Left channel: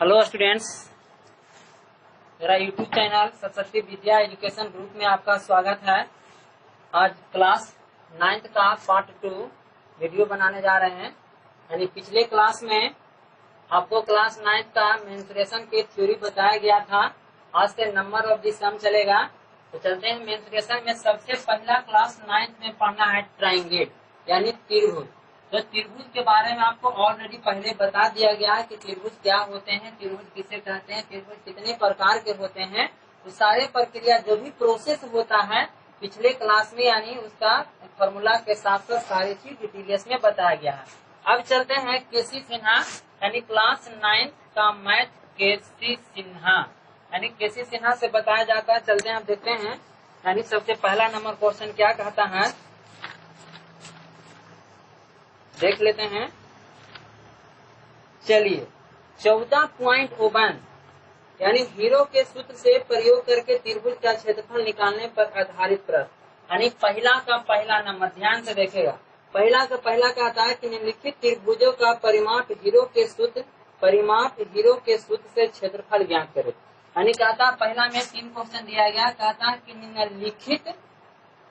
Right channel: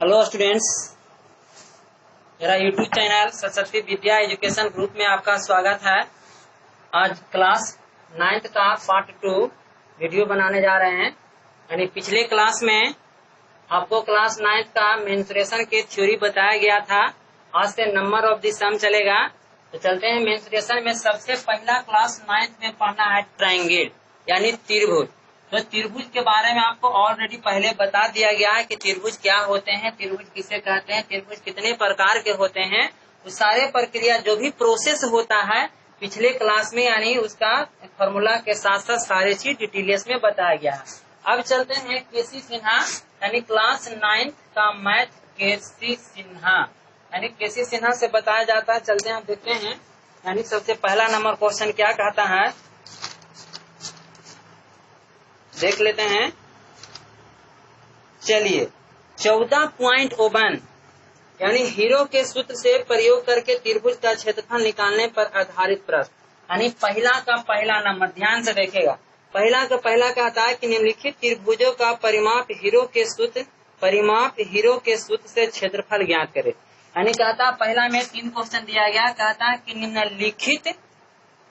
Hello students, मेरा YouTube channel Saraswati Vidya education group में आपका स्वागत है। आज क्लास 9th का पार्ट 2 वीडियो बनाने जा रहे हैं। यानी पिछले क्लास में आपको क्लास 9th का मेंस्ट्रुएशन की थ्योरी बताया गया था। आज से नंबर ऑफ द सम चलेगा। तो चलते हैं। मेंस्ट्रुएशन में सबसे पहला क्लास 9th में पढ़ना है ट्रायंगल यानी त्रिभुज। तो त्रिभुज के बारे में आपको ऑलरेडी पहले बता दिया गया है कि त्रिभुज क्या होते हैं, त्रिभुज किसे कहते हैं, त्रिभुज कितने प्रकार के होते हैं। वो सारे प्रक्रिया जो भी प्रोसेस होता है पिछले क्लास में यानी उसका फॉर्मूला के साथ साथ सारी चीज डिटेल्स में बताया गया है। अब चलते हैं केसी सिन्हा यानी क्लास 9 का मैथ केसी सिन्हा यानी केसी सिन्हा से बताया जाता है। चलते हैं, आप देखते हैं। यानी सबसे पहला नंबर क्वेश्चन क्या कहता है देख लेते हैं। चलिए 14.1 यानी हीरो के सूत्र से प्रयोग करके त्रिभुज का क्षेत्रफल निकालने पर आधारित प्रश्न। यानी पहला का पहला नंबर ध्यान से देखेगा। पहला का पहला कहता है कि निम्नलिखित त्रिभुजों का परिमाप हीरो के सूत्र से क्षेत्रफल ज्ञात करे। यानी कहता पहला में 3 क्वेश्चन दिया गया। कहता है कि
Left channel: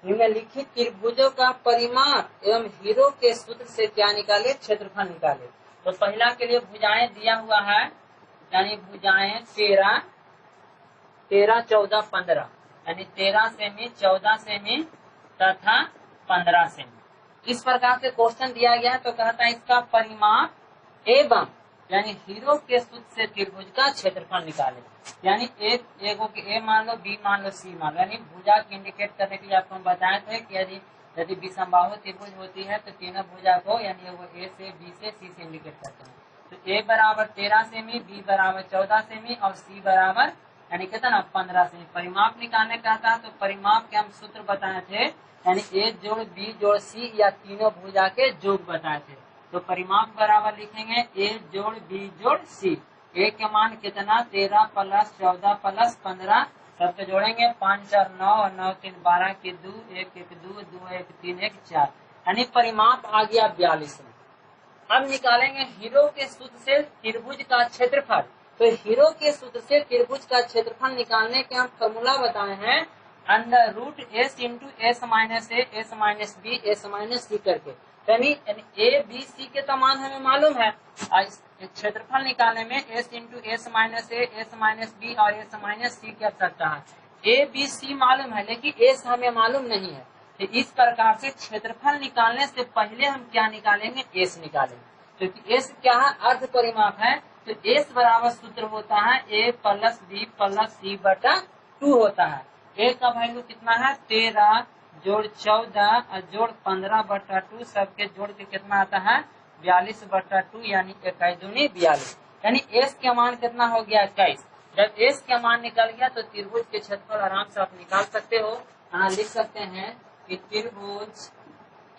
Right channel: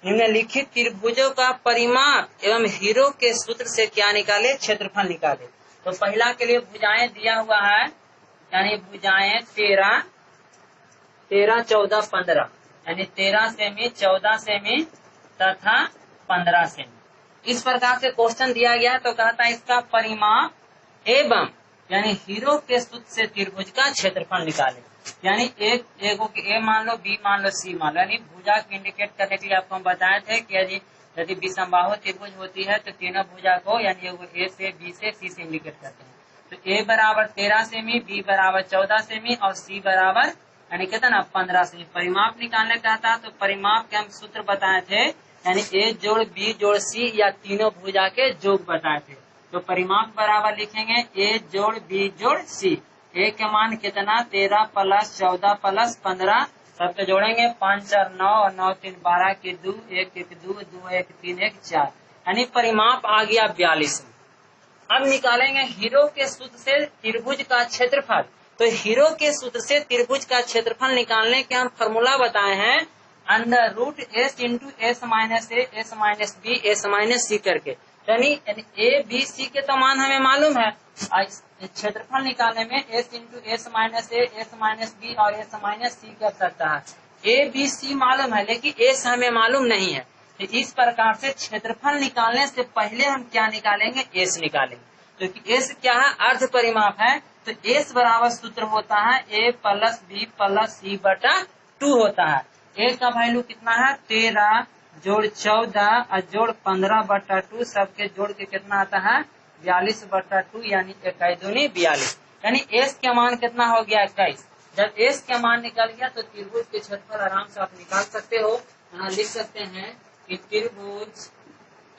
निम्नलिखित त्रिभुजों का परिमाप एवं हीरो के सूत्र से क्या निकाले, क्षेत्रफल निकाले। तो पहला के लिए भुजाएं दिया हुआ है। यानी भुजाएं 13, 14, 15 यानी 13 सेमी, 14 सेमी तथा 15 सेमी। इस प्रकार से क्वेश्चन दिया गया। तो कहता है इसका परिमाप एवं यानी हीरो के सूत्र से त्रिभुज का क्षेत्रफल निकाले। यानी एक ए मान लो, बी मान लो, सी मान लो। यानी भुजा को इंडिकेट करने के लिए आपको हम बताए थे कि यदि विषमबाहु त्रिभुज होती है तो तीनों भुजा को यानी वो ए से, बी से, सी से इंडिकेट करते हैं। तो ए बराबर 13 सेमी, बी बराबर 14 सेमी और सी बराबर यानी कितना 15 सेमी। परिमाप निकालने का था तो परिमाप के हम सूत्र बताए थे। यानी ए जोड़ बी जोड़ सी या तीनों भुजा के योग बताए थे। तो परिमाप बराबर लिखेंगे ए जोड़ बी जोड़ सी। ए के मान कितना 13 प्लस 14 प्लस 15 सबके जोड़ेंगे 5 4 9 और 9 3 12 के 2 1 1 2 2 1 3 1 4 यानी परिमाप आ गया 42। अब निकालेंगे हीरो के सूत्र से त्रिभुज का क्षेत्रफल। तो हीरो के सूत्र से त्रिभुज का क्षेत्रफल निकालने के हम फॉर्मूला बताए हैं under root S into S minus A, S minus B, S minus C करके। यानी ए बी सी के तो मान हमें मालूम है। क्षेत्रफल निकालने में S into S minus A, S minus B और एस माइनस सी की आवश्यकता है। ए बी सी मालूम है लेकिन एस हमें मालूम नहीं है। तो इस प्रकार से क्षेत्रफल निकालने से पहले हम क्या निकालेंगे, एस निकालेंगे। क्योंकि एस क्या है, अर्ध परिमाप है। तो एस बराबर सूत्र होता है ए प्लस बी प्लस सी बटा 2 होता है। ए का वैल्यू कितना है 13 जोड़ 14 और जोड़ 15 बटा 2 सबके जोड़ के कितना आता है 42 बटा 2 यानी 21 दूनी 42। यानी एस के मान कितना हो गया 21। जब एस का मान निकल गया तो त्रिभुज के क्षेत्रफल आराम से आप निकाल सकते हो। यहाँ लिख सकते हैं कि त्रिभुज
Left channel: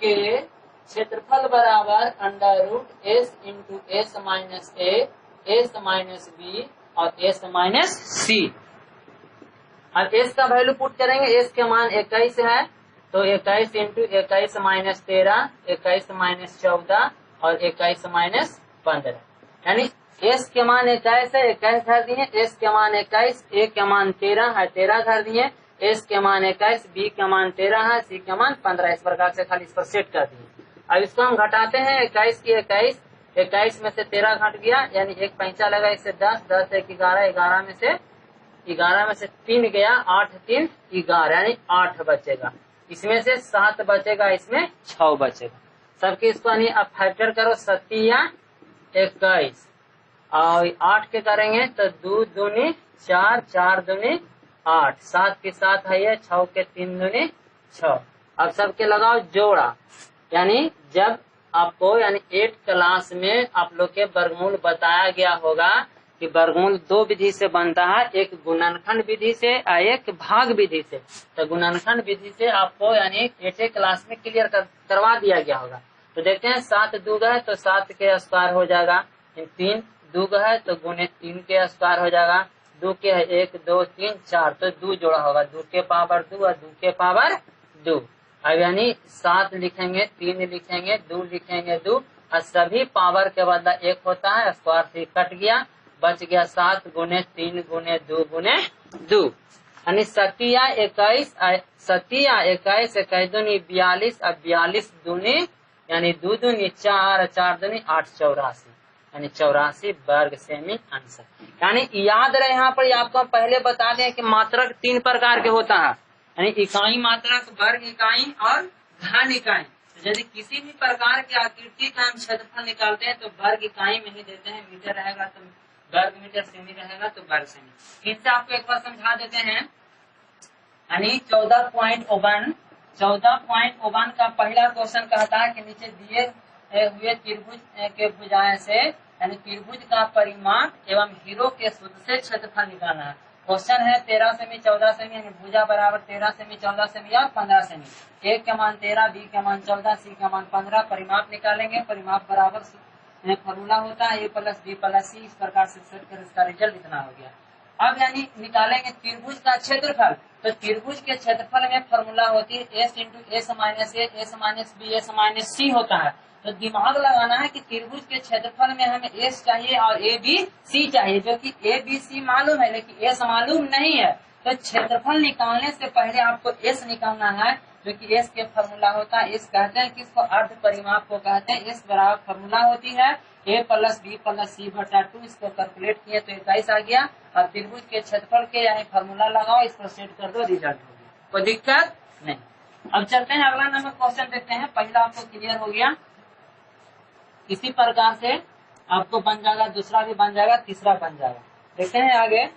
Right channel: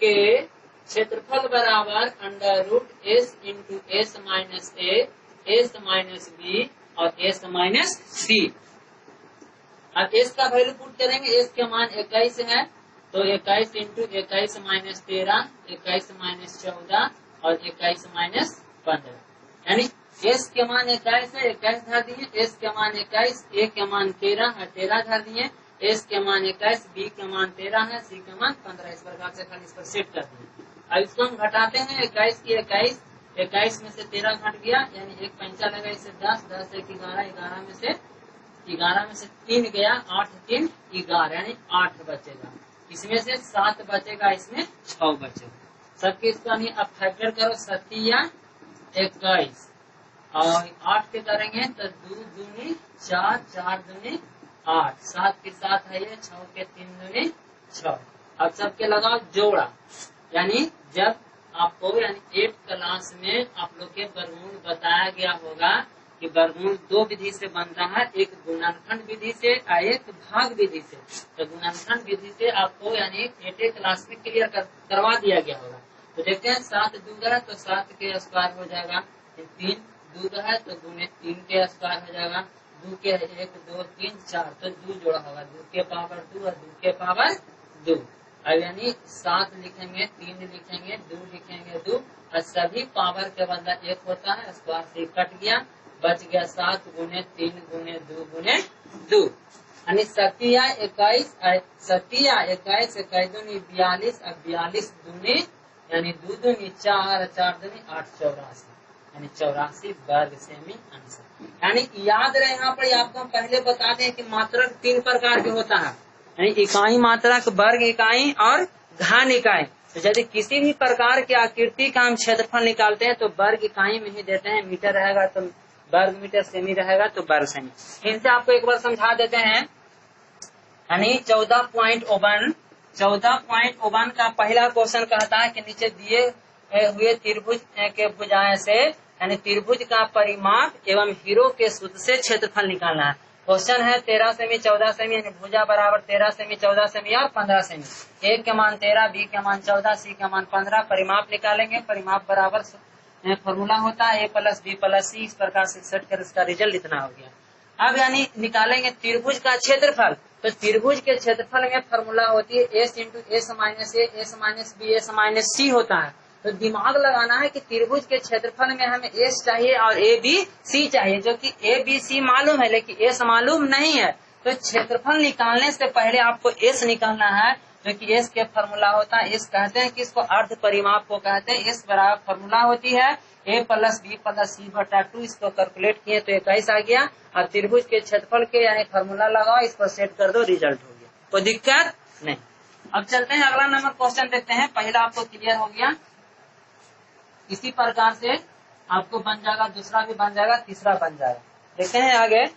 के क्षेत्रफल बराबर under root S into S minus A, S minus B और एस माइनस सी। अब एस का वैल्यू पुट करेंगे। एस के मान 21 है तो 21 इंटू 21 माइनस 13, 21 माइनस 14 और 21 माइनस 15। यानी एस के मान 21 है, 21 धर दिए। एस के मान 21, ए के मान 13 है, 13 धर दिए। एस के मान 21, बी के मान 13 है, सी के मान 15। इस प्रकार से खाली इस पर सेट कर दिए। अब इसको हम घटाते हैं 21 की 21 में से 13 घट गया यानी एक पैंचा लगा, इससे 10, 10 1 11, 11 में से 3 गया, 8 3 11 यानी 8 बचेगा। इसमें से 7 बचेगा, इसमें 6 बचेगा। सबके इसको यानी अब फैक्टर करो 7 या 21 और 8 के करेंगे तो 2 दूनी 4, 4 दूनी 8, 7 के 7 है ये, 6 के 3 दूनी 6। अब सबके लगाओ जोड़ा। यानी जब आपको यानी 8 क्लास में आप लोग के वर्गमूल बताया गया होगा कि वर्गमूल 2 विधि से बनता है, एक गुणनखंड विधि से और एक भाग विधि से। तो गुणनखंड विधि से आपको यानी 8 क्लास में क्लियर करवा दिया गया होगा। तो देखते हैं 7 2 है तो 7 के स्क्वायर हो जाएगा, 3 2 है तो गुणे 3 के स्क्वायर हो जाएगा, 2 के है 1 2 3 4 तो 2 जोड़ा होगा, 2 के पावर 2 और 2 के पावर 2। अब यानी 7 लिखेंगे, 3 लिखेंगे, 2 लिखेंगे 2 और सभी पावर के बदला 1 होता है, स्क्वायर से कट गया बच गया 7 गुने 3 गुने 2 गुने 2 यानी 21 21 दूनी 42 अब 42 दूनी यानी 2 दूनी 4 4 दूनी 8 84 यानी 84 वर्ग सेमी आंसर। यानी याद रहे यहाँ पर आपको हम पहले बता दें कि मात्रक 3 प्रकार के होता है, यानी इकाई मात्रक, वर्ग इकाई और घन इकाई। तो यदि किसी भी प्रकार की आकृति का हम क्षेत्रफल निकालते हैं तो वर्ग इकाई में ही देते हैं, मीटर रहेगा तो वर्ग मीटर, सेमी रहेगा तो वर्ग सेमी। इनसे आपको एक बार समझा देते हैं। यानी 14.1 का पहला क्वेश्चन कहता है कि नीचे दिए हुए त्रिभुज के भुजाएं से यानी त्रिभुज का परिमाप एवं हीरो के सूत्र से क्षेत्रफल निकालना है। क्वेश्चन है 13 सेमी 14 सेमी यानी भुजा बराबर 13 सेमी 14 सेमी और 15 सेमी। ए के मान 13, बी के मान 14, सी के मान 15। परिमाप निकालेंगे, परिमाप बराबर फॉर्मूला होता है ए प्लस बी प्लस सी। इस प्रकार से सेट कर इसका रिजल्ट इतना हो गया। अब यानी निकालेंगे त्रिभुज का क्षेत्रफल। तो त्रिभुज के क्षेत्रफल में फॉर्मूला होती है S into S minus A, S minus B, S minus C होता है। तो दिमाग लगाना है कि त्रिभुज के क्षेत्रफल में हमें एस चाहिए और ए बी सी चाहिए, जो कि ए बी सी मालूम है लेकिन एस मालूम नहीं है। तो क्षेत्रफल निकालने से पहले आपको एस निकालना है, जो कि एस के फॉर्मूला होता है। एस कहते हैं कि इसको अर्ध परिमाप को कहते हैं। एस बराबर फॉर्मूला होती है ए प्लस बी प्लस सी बटा 2। इसको कैलकुलेट किए तो 21 आ गया। और त्रिभुज के क्षेत्रफल के यानी फॉर्मूला लगाओ, इस पर सेट कर दो, रिजल्ट हो गया, कोई दिक्कत नहीं। अब चलते हैं अगला नंबर क्वेश्चन देखते हैं। पहला आपको क्लियर हो गया, इसी प्रकार से आपको बन जाएगा, दूसरा भी बन जाएगा, तीसरा बन जाएगा। देखते हैं आगे।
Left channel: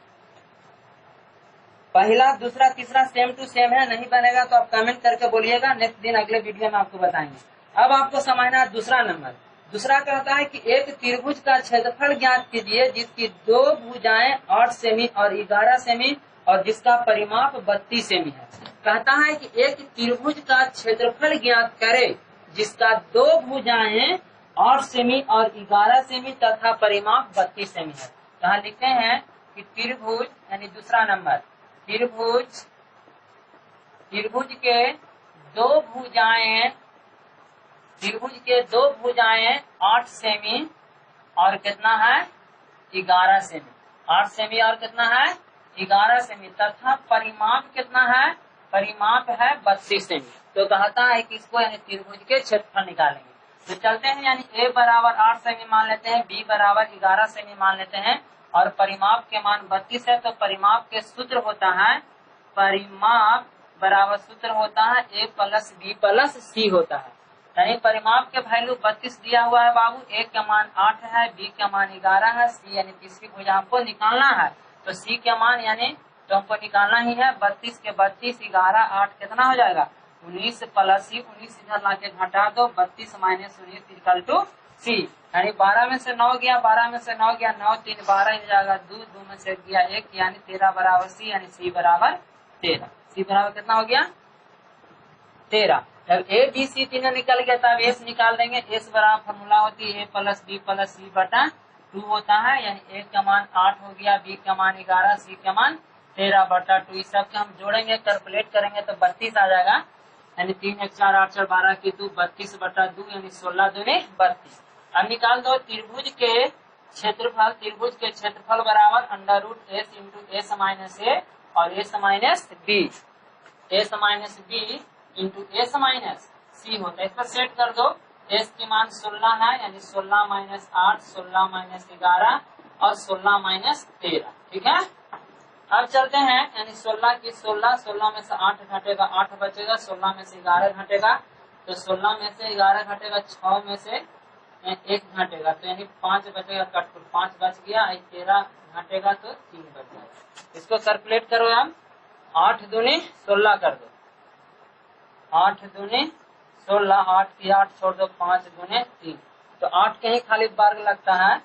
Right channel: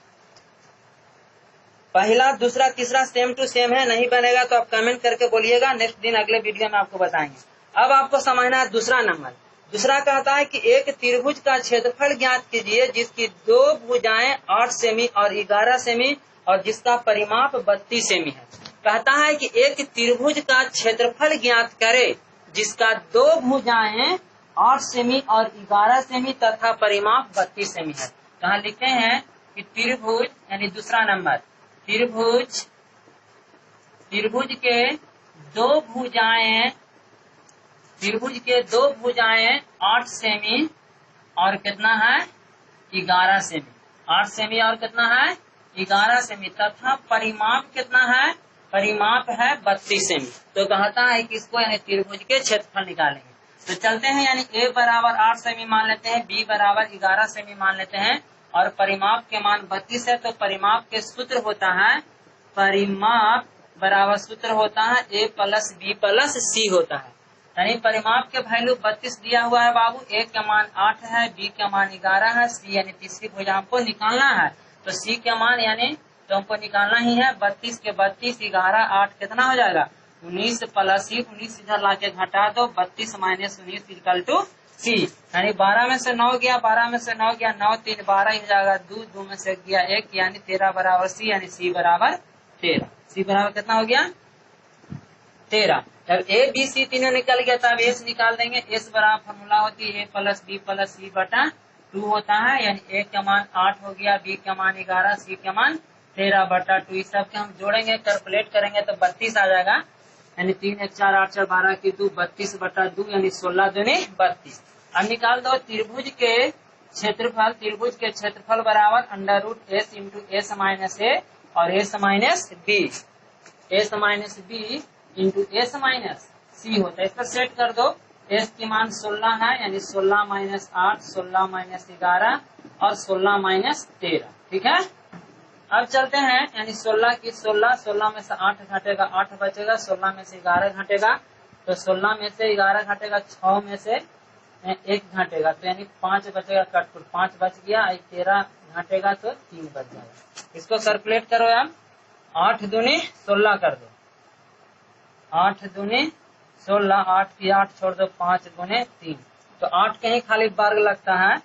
पहला दूसरा तीसरा सेम टू सेम है, नहीं बनेगा तो आप कमेंट करके बोलिएगा, नेक्स्ट दिन अगले वीडियो में आपको बताएंगे। अब आपको समझना है दूसरा नंबर। दूसरा कहता है कि एक त्रिभुज का क्षेत्रफल ज्ञात कीजिए जिसकी 2 भुजाएं 8 सेमी और 11 सेमी और जिसका परिमाप 32 सेमी है। कहता है कि एक त्रिभुज का क्षेत्रफल ज्ञात करे जिसका 2 भुजाएं 8 सेमी और 11 सेमी तथा परिमाप 32 सेमी है। कहा लिखते हैं कि त्रिभुज यानी दूसरा नंबर, त्रिभुज के 2 भुजाएं 8 सेमी और कितना है 11 सेमी। 8 सेमी और कितना है 11 सेमी तथा परिमाप कितना है, परिमाप है 32 सेमी। तो कहता है कि इसको यानी त्रिभुज के क्षेत्रफल निकालेंगे। तो चलते हैं, यानी ए बराबर 8 सेमी मान लेते हैं, बी बराबर 11 सेमी मान लेते हैं और परिमाप के मान 32 है। तो परिमाप के सूत्र होता है, परिमाप बराबर सूत्र होता है ए प्लस बी प्लस सी होता है। यानी परिमाप के वैल्यू 32 दिया हुआ है बाबू, ए का मान 8 है, बी का मान 11 है, सी यानी तीसरी भुजा हमको निकालना है। तो सी का मान यानी तो हमको निकालना ही है 32 के 32 11 8 कितना हो जाएगा 19 प्लस सी। 19 इधर लाके घटा दो, 32 माइनस 19 इक्वल टू सी। यानी 12 में से 9 गया, 12 में से 9 गया, 9 3 12 ही जाएगा, 2 में से गया 1 यानी 13 बराबर सी, यानी सी बराबर 13। सी बराबर कितना हो गया 13। जब ए बी सी तीनों निकल गया तब एस निकाल देंगे। एस बराबर फॉर्मूला होती है ए प्लस बी प्लस सी बटा 2 होता है। यानी ए का मान 8 हो गया, बी का मान 11, सी का मान 13 बटा 2। इस सब के हम जोड़ेंगे, कैलकुलेट करेंगे तो 32 आ जाएगा। यानी 3 1 4 8 4 12 की 2 32 बटा 2 यानी 16 दूनी 32। अब निकाल दो त्रिभुज के क्षेत्रफल। त्रिभुज के क्षेत्रफल बराबर under root S into S minus A और S minus B, S minus B into S minus C होता है। इस पर सेट कर दो। एस की मान 16 है, यानी 16 माइनस 8, 16 माइनस 11 और 16 माइनस 13। ठीक है, अब चलते हैं। यानी 16 की 16 में से 8 घटेगा 8 बचेगा, 16 में से 11 घटेगा तो 16 में से 11 घटेगा, 6 में से 1 घटेगा तो यानी 5 बचेगा, कटपुट 5 बच गया, 13 घटेगा तो 3 बच जाएगा। इसको कैलकुलेट करो आप, 8 दूनी 16 कर दो, 8 दूनी 16, 8 की 8 छोड़ दो, 5 गुने 3 तो 8 कहीं खाली वर्ग लगता है,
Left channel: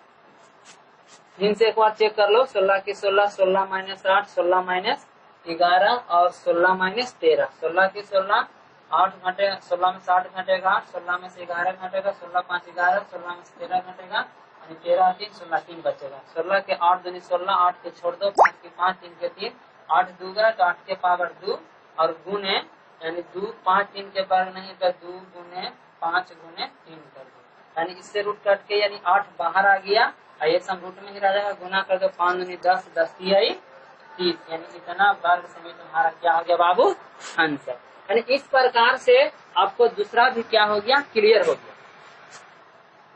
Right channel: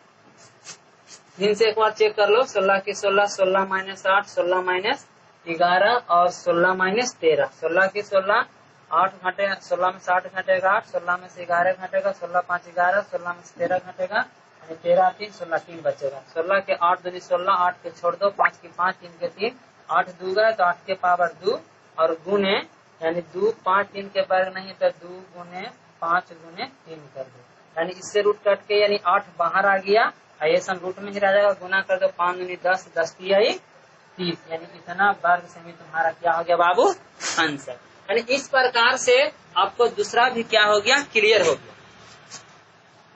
3 से एक बार चेक कर लो। 16 की 16, 16 माइनस 8, 16 माइनस 11 और 16 माइनस 13। 16 की 16, 8 घटेगा, 16 में से 8 घटेगा 8, 16 में से 11 घटेगा, 16 5 11, 16 में से 13 घटेगा, यानी 13 3 16 3 बचेगा। 16 के 8 दूनी 16, 8 के छोड़ दो, 5 की 5, 3 के 3, 8 2 गया तो 8 के पावर 2 और गुने यानी 2 5 3 के वर्ग नहीं तो 2 गुने 5 गुने 3 कर दो। यानी इससे रूट कट के यानी 8 बाहर आ गया और ये सम रूट में ही रह जाएगा, गुना कर दो 5 दूनी 10, 10 तिहाई 30, यानी इतना वर्ग सेमी तुम्हारा क्या हो गया बाबू, आंसर। यानी इस प्रकार से आपको दूसरा भी क्या हो गया, क्लियर हो गया।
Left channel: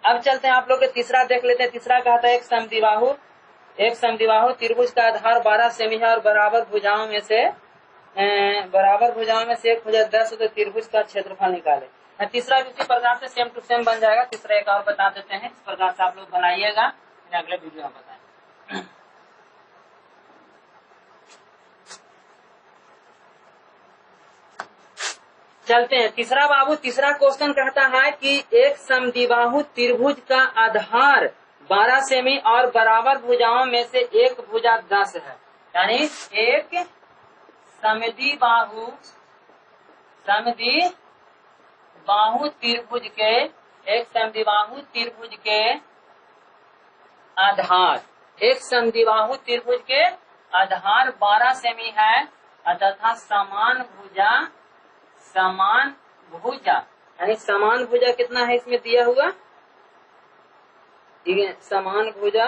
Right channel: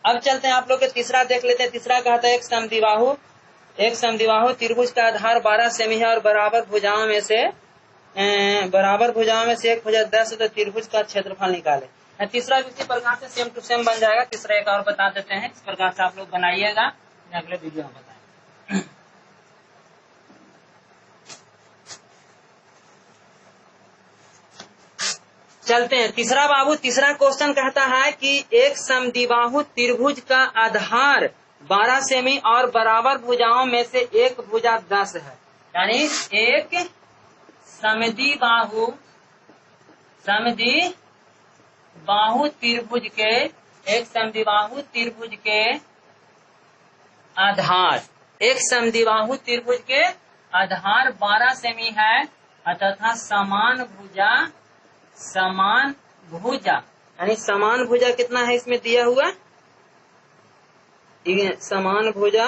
अब चलते हैं आप लोग के तीसरा देख लेते हैं। तीसरा कहता है एक समद्विबाहु त्रिभुज का आधार 12 सेमी है और बराबर भुजाओं में से एक भुजा 10 तो त्रिभुज का क्षेत्रफल निकाले। तीसरा भी इसी प्रकार से सेम टू सेम बन जाएगा। तीसरा एक और बता देते हैं, इस प्रकार से आप लोग बनाइएगा, अगले वीडियो में बताएंगे। चलते हैं तीसरा बाबू। तीसरा क्वेश्चन कहता है कि एक समद्विबाहु त्रिभुज का आधार 12 सेमी और बराबर भुजाओं में से एक भुजा 10 है। यानी एक समद्विबाहु त्रिभुज के, एक समद्विबाहु त्रिभुज के आधार, एक समद्विबाहु त्रिभुज के आधार 12 सेमी है तथा समान भुजा यानी समान भुजा कितना है इसमें दिया हुआ, समान भुजा,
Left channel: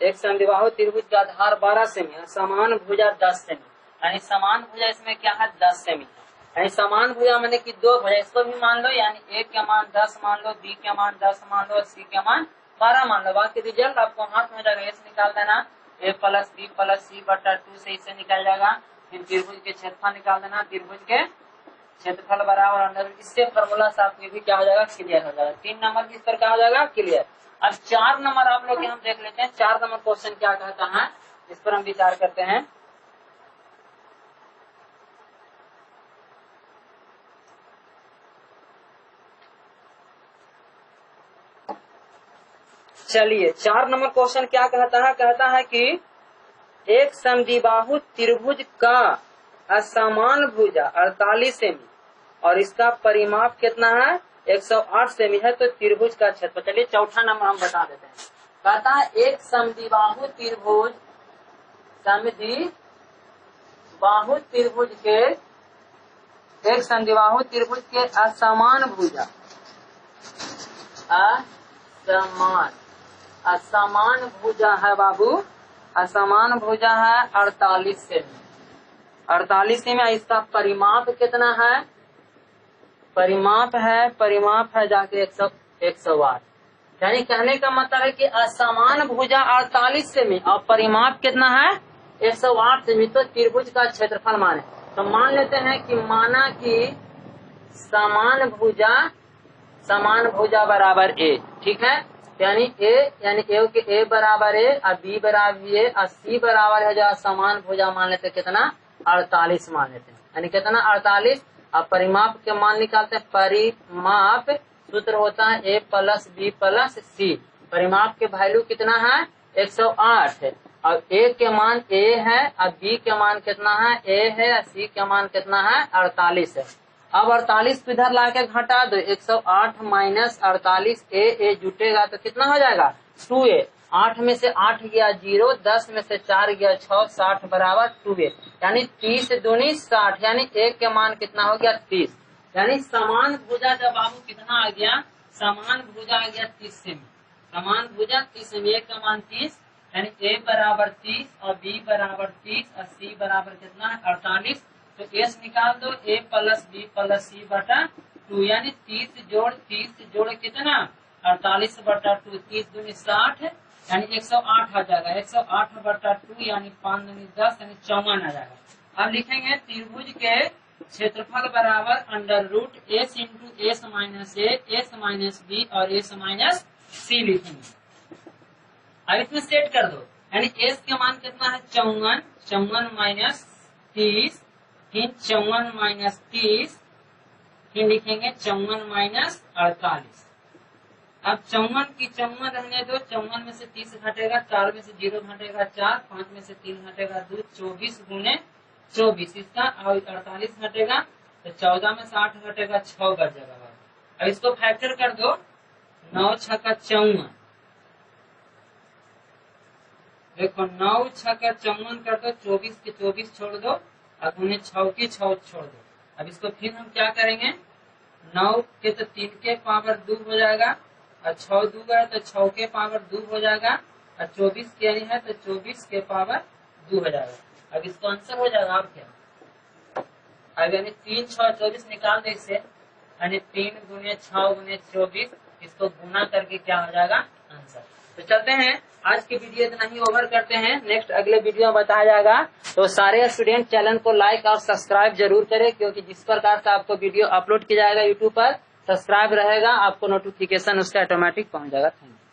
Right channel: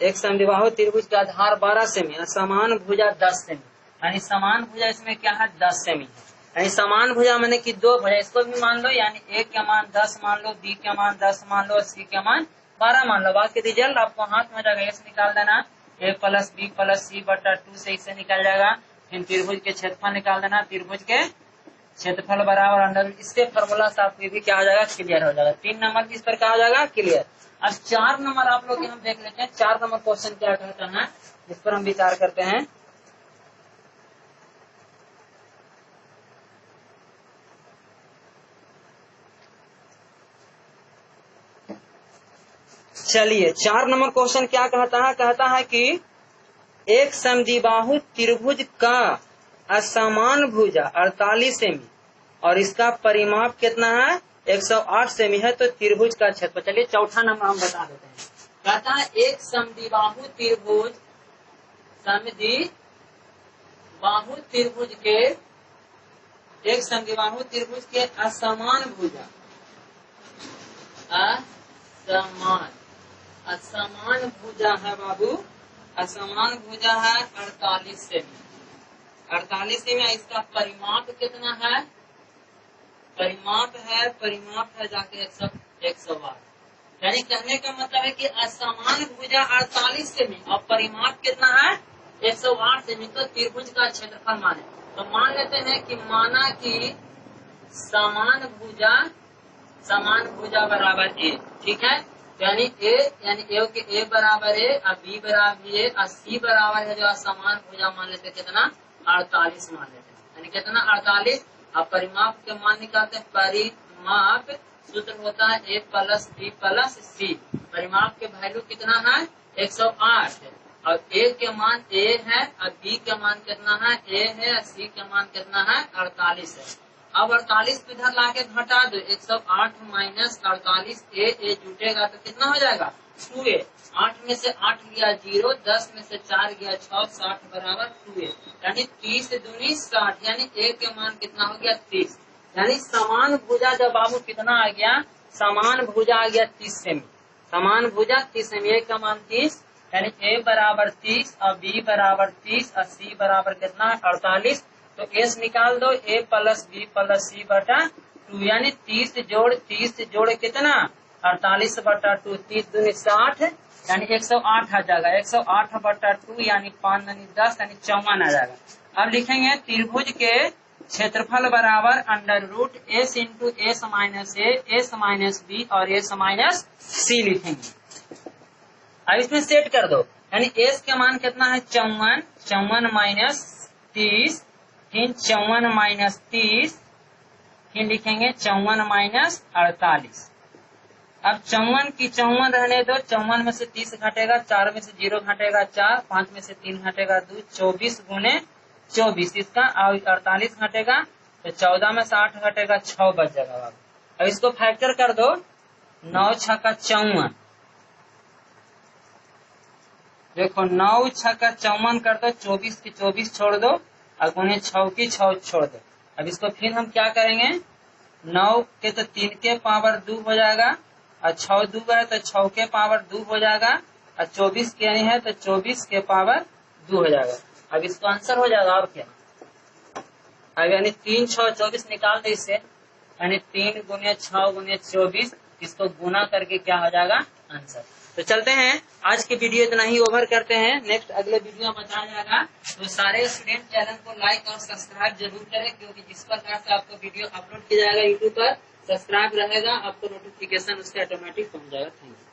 एक समद्विबाहु त्रिभुज का आधार 12 सेमी, समान भुजा 10 सेमी, यानी समान भुजा इसमें क्या है 10 सेमी है। यानी समान भुजा माने कि दो भुजा, इसको भी मान लो, यानी ए का मान 10 मान लो, बी का मान 10 मान लो, सी का मान 12 मान लो। बात की रिजल्ट आपको हाथ में जाएगा, ऐसे निकाल देना, ए प्लस बी प्लस सी बटा 2 से इससे निकल जाएगा। फिर त्रिभुज के क्षेत्रफल निकाल देना, त्रिभुज के क्षेत्रफल बराबर अंडर, इससे फॉर्मूला से आपको भी क्या हो जाएगा, क्लियर हो जाएगा। 3 नंबर किस पर क्या हो जाएगा, क्लियर। अब 4 नंबर आप लोग हम देख लेते हैं। 4 नंबर क्वेश्चन क्या कहता है, इस पर हम विचार करते हैं। चलिए 4 नंबर क्वेश्चन क्या कहता है कि एक समद्विबाहु त्रिभुज का असमान भुजा 48 सेमी और इसका परिमाप कितना है 108 सेमी है, तो त्रिभुज का क्षेत्रफल। चलिए चौथा नंबर हम बता देते हैं। कहता है एक समद्विबाहु त्रिभुज के असमान भुजा है बाबू, असमान भुजा है 48 सेमी, 48 सेमी। इसका परिमाप कितना है, परिमाप है जाके 108। यानी कहने का मतलब है कि असमान भुजा 48 सेमी और परिमाप कितना है 108 सेमी, तो त्रिभुज का क्षेत्रफल माने। तो मान लेते हैं कि माना कि समान भुजा बराबर ए, ठीक है। यानी ए बराबर ए और बी बराबर ए और सी बराबर है जो समान भुजा मान लेते कितना 48 मान लेते हैं, यानी कितना 48। अब परिमाप के मान निकालते हैं। परिमाप सूत्र होता है ए प्लस बी प्लस सी। परिमाप के वैल्यू कितना है 108 है और ए के मान ए है और बी के मान कितना है ए है और सी के मान कितना है 48 है। अब 48 को इधर लाके घटा दो, 108 माइनस 48, ए जुटेगा तो कितना हो जाएगा 2a। 8 में से 8 गया 0, 10 में से 4 गया 6, 60 बराबर 2a, यानी 30 दूनी 60, यानी ए के मान कितना हो गया 30। यानी समान भुजा जब बाबू कितना आ गया, समान भुजा आ गया 30 सेमी, समान भुजा 30 सेमी, ए का मान 30, यानी ए बराबर 30 और बी बराबर 30 और सी बराबर कितना 48। तो एस निकाल दो, ए प्लस बी प्लस सी बटा 2, यानी 30 जोड़ कितना 48 बटा 2, 30 दूनी 60, यानी 108 आ जाएगा। 108 बटा 2 यानी 5 दूनी 10, यानी 54 आ जाएगा। अब लिखेंगे त्रिभुज के क्षेत्रफल बराबर under root S into S minus B और एस माइनस सी लिखेंगे। अब इसमें सेट कर दो, यानी एस के मान कितना है 54 माइनस 30, फिर 54 माइनस 30, फिर लिखेंगे 54 माइनस 48। अब 54 की 54 रहने दो, 54 में से 30 घटेगा, 4 में से 0 घटेगा 4, 5 में से 3 घटेगा 2, 24 गुने 24 इसका, और 48 घटेगा तो 14 में से 8 घटेगा 6 बच जाएगा। अब इसको फैक्टर कर दो, 9 6 का 54, देखो 9 6 का 54 कर दो, 24 की 24 छोड़ दो और गुने 6 की 6 छोड़ दो। अब इसको फिर हम क्या करेंगे, 9 के तो 3 के पावर 2 हो जाएगा और 6 2 है तो 6 के पावर 2 हो जाएगा, और 24 के है तो 24 के पावर 2 हो जाएगा। अब इसका आंसर हो जाएगा और क्या, अब यानी 3 6 24 निकाल दे इससे, यानी 3 गुने 6 गुने 24, इसको गुना करके क्या हो जाएगा आंसर। तो चलते हैं, आज की वीडियो इतना ही ओवर करते हैं, नेक्स्ट अगले वीडियो में बताया जाएगा। तो सारे स्टूडेंट चैनल को लाइक और सब्सक्राइब जरूर करें, क्योंकि जिस प्रकार से आपको वीडियो अपलोड किया जाएगा यूट्यूब पर, सब्सक्राइब रहेगा, आपको नोटिफिकेशन उसका ऑटोमेटिक पहुंच जाएगा। Thank you.